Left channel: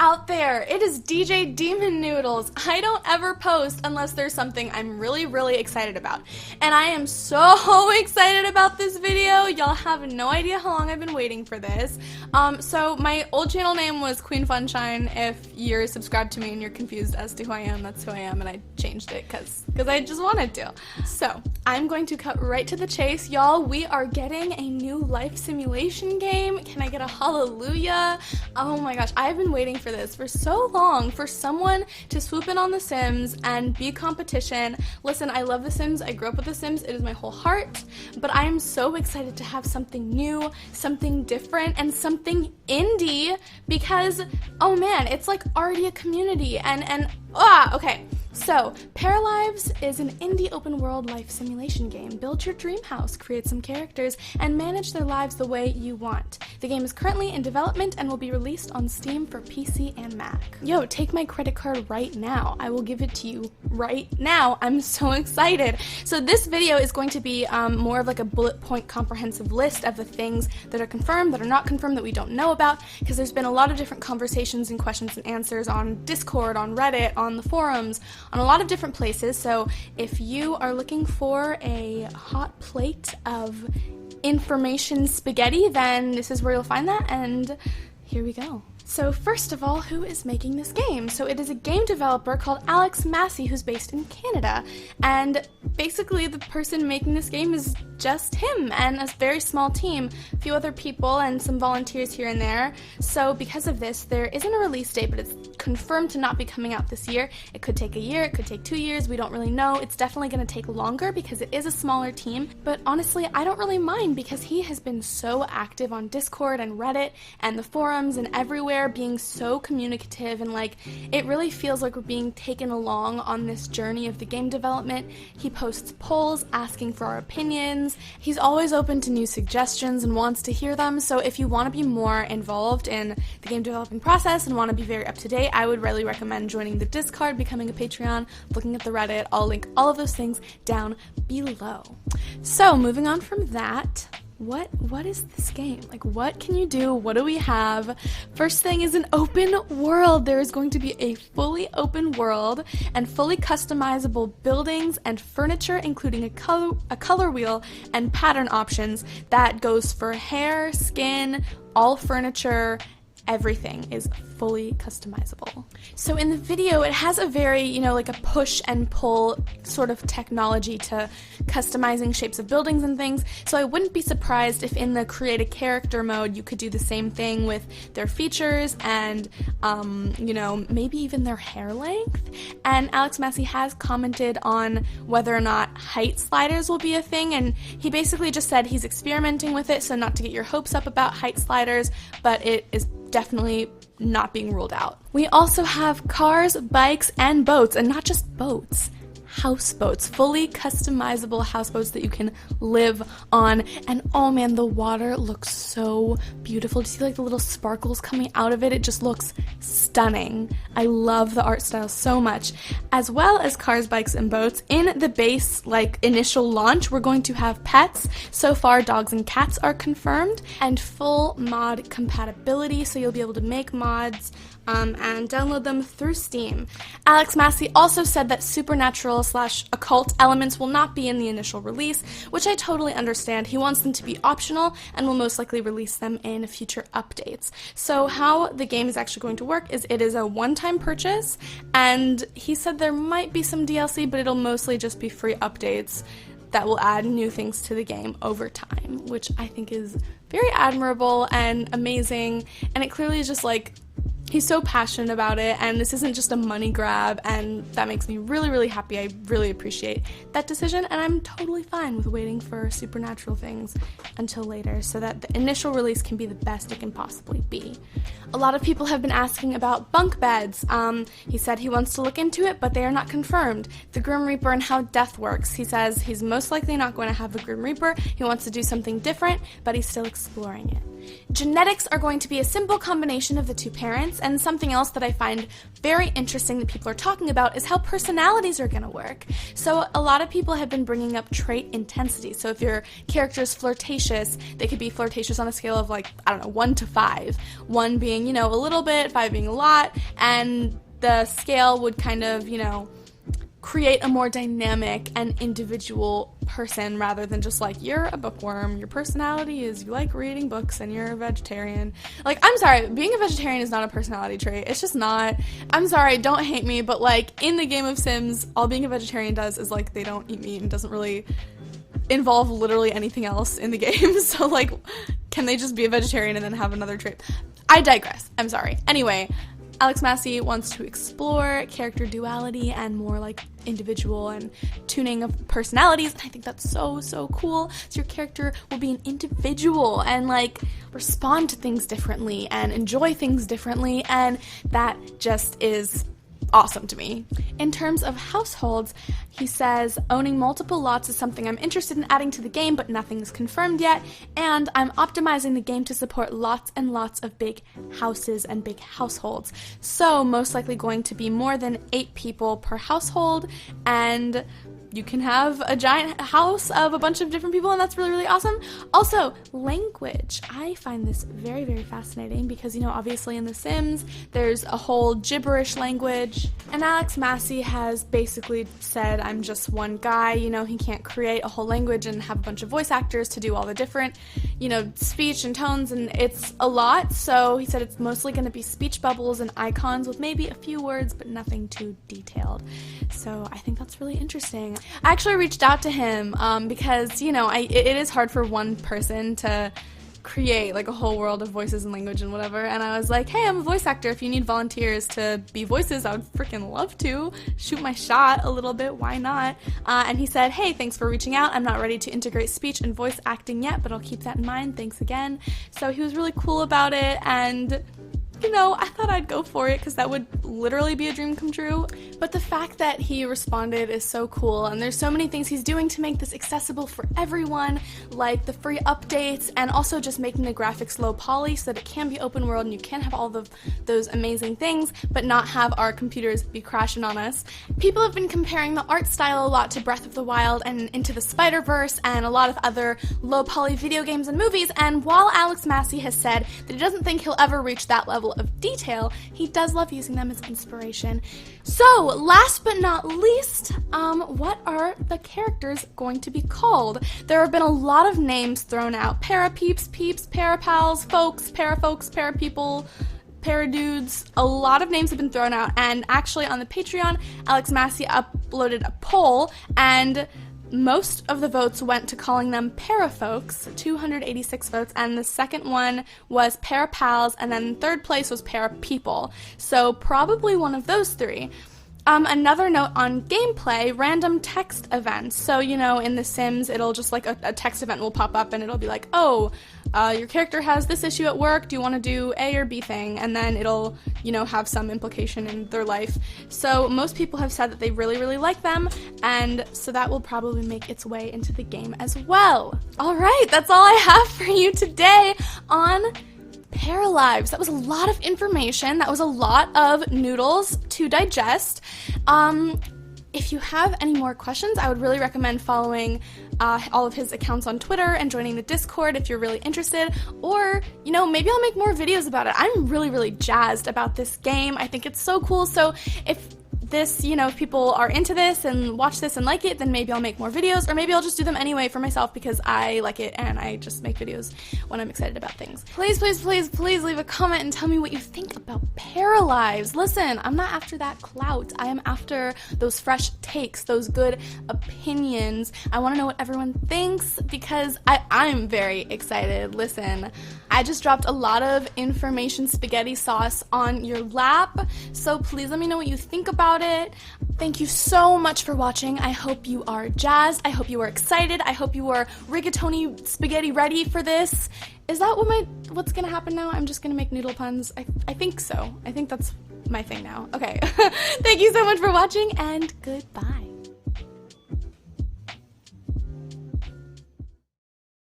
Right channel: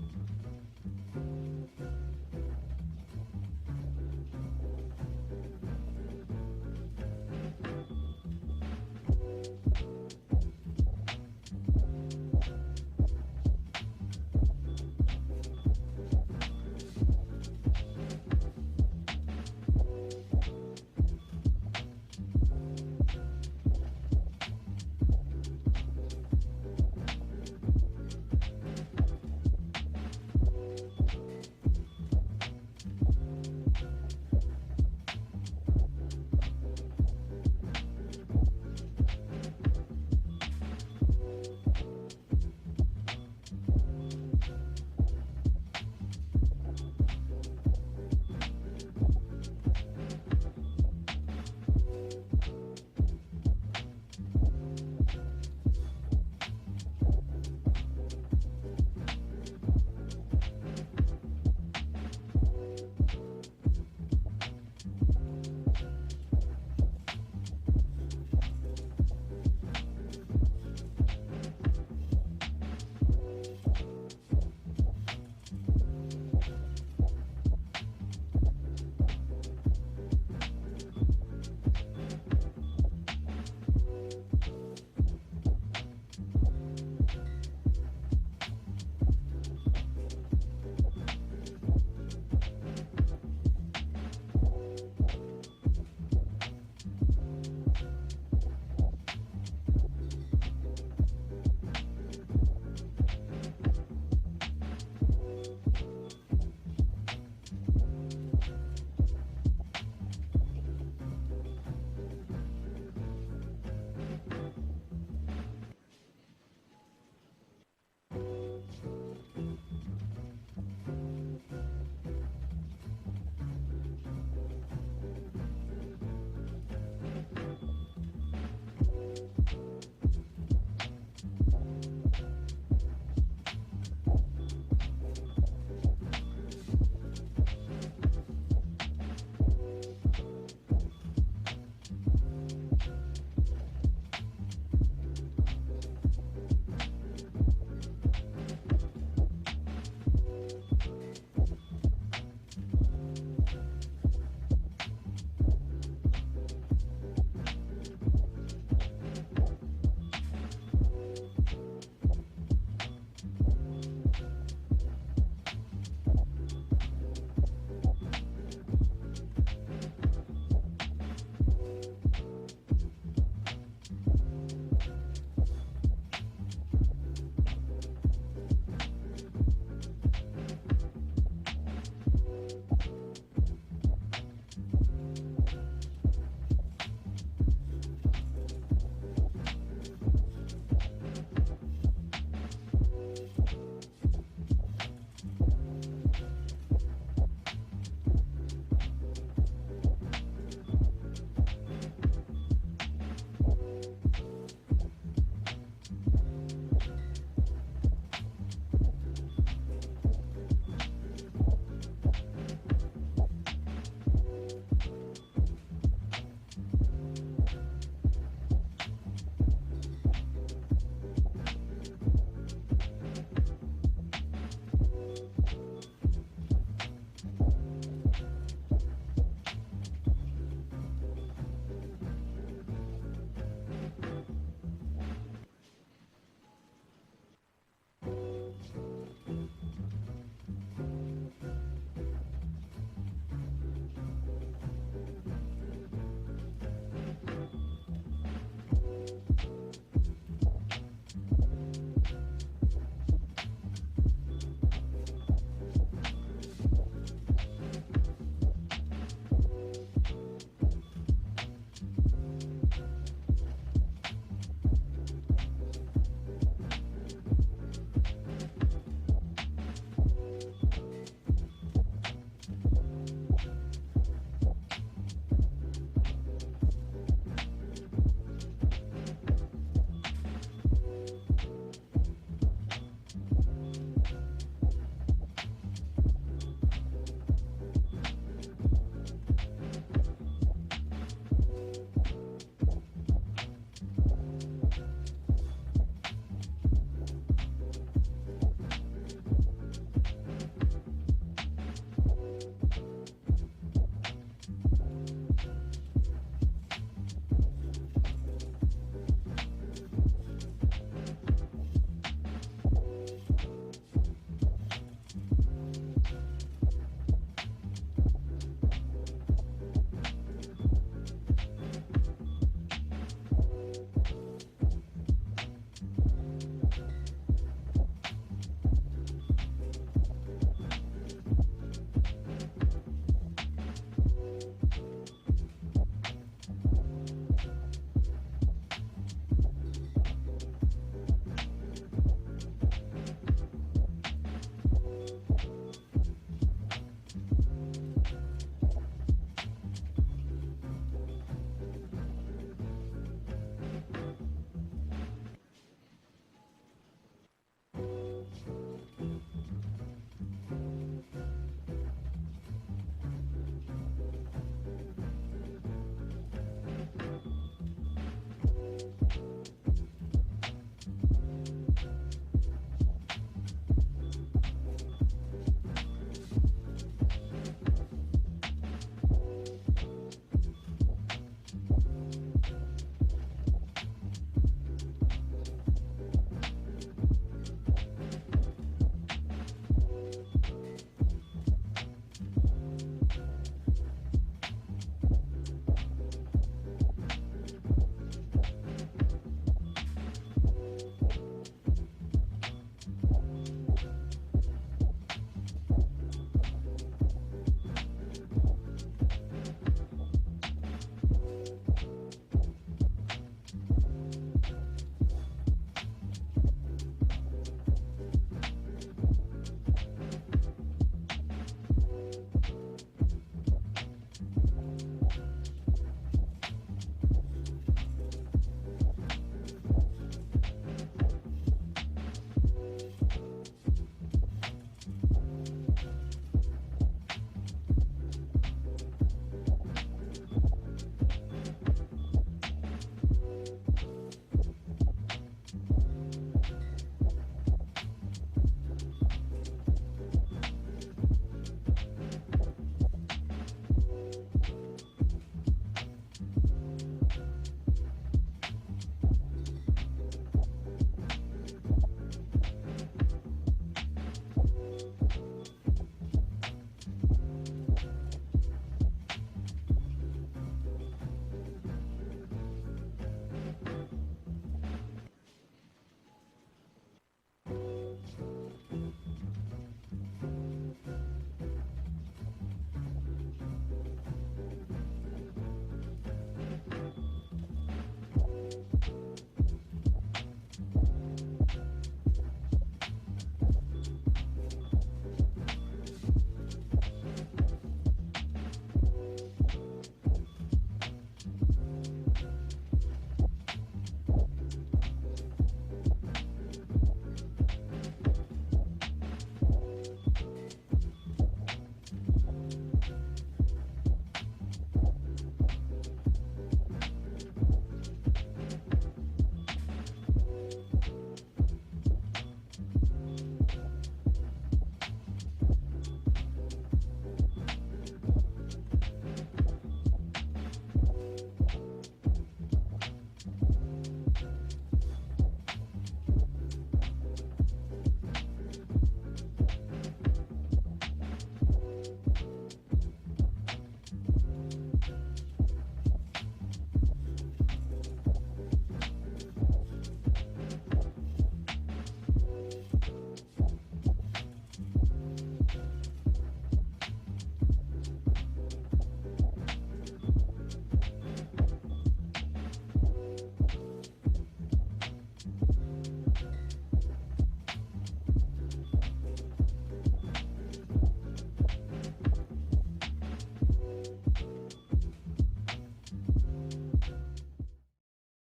out there, it is DJ Demon Noodles. I don't ever post unless there's something I'm really excited about. And I am so excited about this video. Y'all have no idea how long I've been waiting for this. So my old channel name was Queen Funshine. If you're subscribed to me and you're confused as to who I am, that's who I am, and I changed it because I just wanted to. So I'm going to cut right to the chase, y'all. We are getting a new life simulation game. Can I get a hallelujah? Oh my gosh, I've been waiting for this for so long, for someone to swoop in on The Sims and be competition. Listen, I love The Sims. I grew up with The Sims. It is my whole heart, but I am so excited to have something new, something different, and something indie because, oh man, it's like already a community okay. So, Paralives is an indie open-world life simulation game. Build your dream house, create some characters, and manage their lives the way you want. The game is currently in development and will be released on Steam for PC and Mac. Yo, take my credit card right now. I will give it to you right now. I'm so excited. So this video is going to be more of like a bullet point comprehensive list of the things that are confirmed, that are not confirmed, that we don't know about, because there's been a lot of different conversations and questions and answers on Discord, on Reddit, on the forums, on a lot of different places. So if you are looking for a hot plate of information spaghetti, then this is where you'll find that, and here we go. So first of all, who is making this game? So it is a game developer called Alex Massey, who's based in Canada, and basically the person making this game is just him and a very small team, a few other people and some volunteers here and there. So because of this, there isn't a release date, but it's confirmed to not be coming out this year. It could take a year, it could take 2 years, we don't really know. It's definitely going to take longer because it is a smaller team, but honestly, I don't really mind because he has been so active on Discord and Reddit and the forums and everywhere, being so communicative, and like it really feels like we're being taken along on this journey of the game development. He posts polls asking for our opinions. He's always open to new suggestions and wants to hear them. So if you want to be more involved in the game developing process and want to be very up to date, I would really recommend joining the Discord, becoming a Patreon, looking at the Reddit. I'll link all of those things down below. So moving on from that, what is this game? Like, what can you do? What do we have? First thing is an open world. There is going to be a fully open world and fully customizable buildings and furniture, including a color wheel and pattern options that goes for hair, skin, all furniture. Everything is fully customizable. So in the video, it has a very, like a push and pull sort of technology to customizing shapes of buildings and things. So I wouldn't be surprised if in the create a character mode, you could do the same thing with their features and, maybe even their hair length. And Alex Massey has commented on whether or not height sliders will be a thing. And he basically just said he's experimenting with it. So not to get your hopes up about height sliders, but it is definitely not being ruled out. We also have cars, bikes, and boats, and not just boats. Houseboats, fully customizable houseboats that you can live on. And oh man, the water looks so beautiful. Do you see like the little sparkles coming out of it? It just looks stunning. I love the art style so much. As well as cars, bikes, and boats, in the base initial launch, we're going to have pets. So far, dogs and cats are confirmed, and full mod compatibility, so you'll be able to make mods and download them through Steam. Alex Massey also said that supernatural/occult elements will not be in the initial release, which I totally understand. He wants them to be optional and will most likely release them in future updates. So how the game is actually going to work is it is a one-time purchase, and he said there might be some DLC, but it'll mostly just be free updates that will add new things to the game over time, which I think is very admirable and amazing, and it clearly is just like, he's so passionate about it, and this isn't just a money grab, and that makes me really happy. I really appreciate that decision, and I'm totally fine with waiting for supernatural things until later so that the initial release can be the best it can possibly be. A lot of people have been asking about bunk beds. He said he wants to look into it, but they are not confirmed. The Grim Reaper and how death works. He says he's most likely not going to have the Grim Reaper. He wants to do something different, but he's still exploring it. Genetics are going to be a simple combination of the two parents, and something else that I find very interesting that people are talking about is how personalities are going to work. So a lot of people have been bringing up trait intensity. So if your character is flirtatious, they could be flirtatious on a scale of like, I don't know, 1 to 5. 1 being, you know, a little bit, 5 being a lot, and the scale would kind of, you know, create a more dynamic and individual person rather than just like, you're a bookworm, your personality is you like reading books and you're a vegetarian. Like, I'm sorry, being a vegetarian is not a personality trait. It's just not. I'm sorry, don't hate me, but like in the game of Sims, all being a vegetarian does is like they don't eat meat and doesn't really involve literally anything else in the game. So like, can they just be a vegetarian and then have another trait? I digress. I'm sorry. Anyway, Alex Massey wants to explore character duality and more like individual and tuning of personalities, and I think that's so, so cool. So your character will be an individual and like respond to things differently and enjoy things differently, and that just is awesome to me. In terms of households, he says, owning multiple lots is something I'm interested in adding to the game, but nothing's confirmed yet, and I'm optimizing the game to support lots and lots of big houses and big households. So most likely going to be more than 8 people per household, and you can have a giant house of a bunch of different people, and that's really, really awesome. Also, language. I find this very, very fascinating because, you know, obviously in The Sims, there's a whole gibberish language, and Alex Massey has basically said, I'm just one guy, you know, he can't create a whole language and have a bunch of voice actors to do all the different, you know, speech and tones, and it's a lot, so he said it's mostly going to be speech bubbles and icons with maybe a few words, but nothing too detailed. So I think that's really interesting. I actually reached out to him because, you know, it is hard for one person to create like a whole world of voices and language and whatever, and I was like, hey, I'm a voice actor. If you need volunteers to be voices, I would freaking love to shoot my shot a little bit. Why not? And he said, hey, thanks for reaching out. I'm not ready to integrate speech and voice acting yet, but I'll keep that in mind. Thanks again. So he was really cool about it, and you know, I thought I'd go for it because that would literally be a dream come true. But the fact that he responded is so cool, and there's so many things he's doing to make this accessible for everyone, like the free updates and also just making the graphics low poly so that it can be open world and you can have all of those amazing things but not have our computers be crashing on us. People have been comparing the art style a lot to Breath of the Wild and Into the Spider-Verse and a lot of other low poly video games and movies, and while Alex Massey has said that he doesn't think he'll ever reach that level of detail, he does love using them as inspiration. So, last but not least, what are the characters going to be called? There have been a lot of names thrown out. Parapeeps, peeps, parapals, folks, parafolks, parapeople, paradudes. A lot of names have been thrown out, and actually on the Patreon, Alex Massey uploaded a poll, and most of the votes went to calling them parafolks, 286 votes, and the second one was parapals, and then third place was parapeople. So probably one of those three. Another note on gameplay, random text events. So, you know, in The Sims, it'll just like a text event will pop up and it'll be like, oh, your character has this issue at work, do you want to do A or B thing? And then it'll, you know, have some implication in their life. So most people have said that they really, really like them, and so that will probably make its way into the game as well. Alright, that's all I have for you today on Paralives. That was a lot of information. That was a lot of noodles to digest. If you have any more questions, I would really recommend following all of his accounts on Twitter and joining the Discord if you're really interested, or, you know, maybe I'll make more videos about it. I'm really, really jazzed about this game. I think it's so cool, so if this, you know, if people are into this and watch this and like it, then maybe I'll make more videos, or maybe I'll just do them anyway for myself because I like it and I just make videos when I'm excited about things. Please, please, please, please leave a comment and tell me what you think about Paralives. Listen, I'm not after that clout. I am after those fresh takes, those good opinions. I want to know what everyone thinks because I'm very excited. Listen, I just dropped a lot of information spaghetti sauce on your lap, so please let me know what you think about it. Thank you so much for watching. I hope you are jazzed. I hope you are excited. I hope you are rigatoni spaghetti ready for this. Is that what's gonna happen now? I'm just gonna make noodle puns. I think so. I think that's my thing now. Okay. Thank you so much for watching, and goodbye.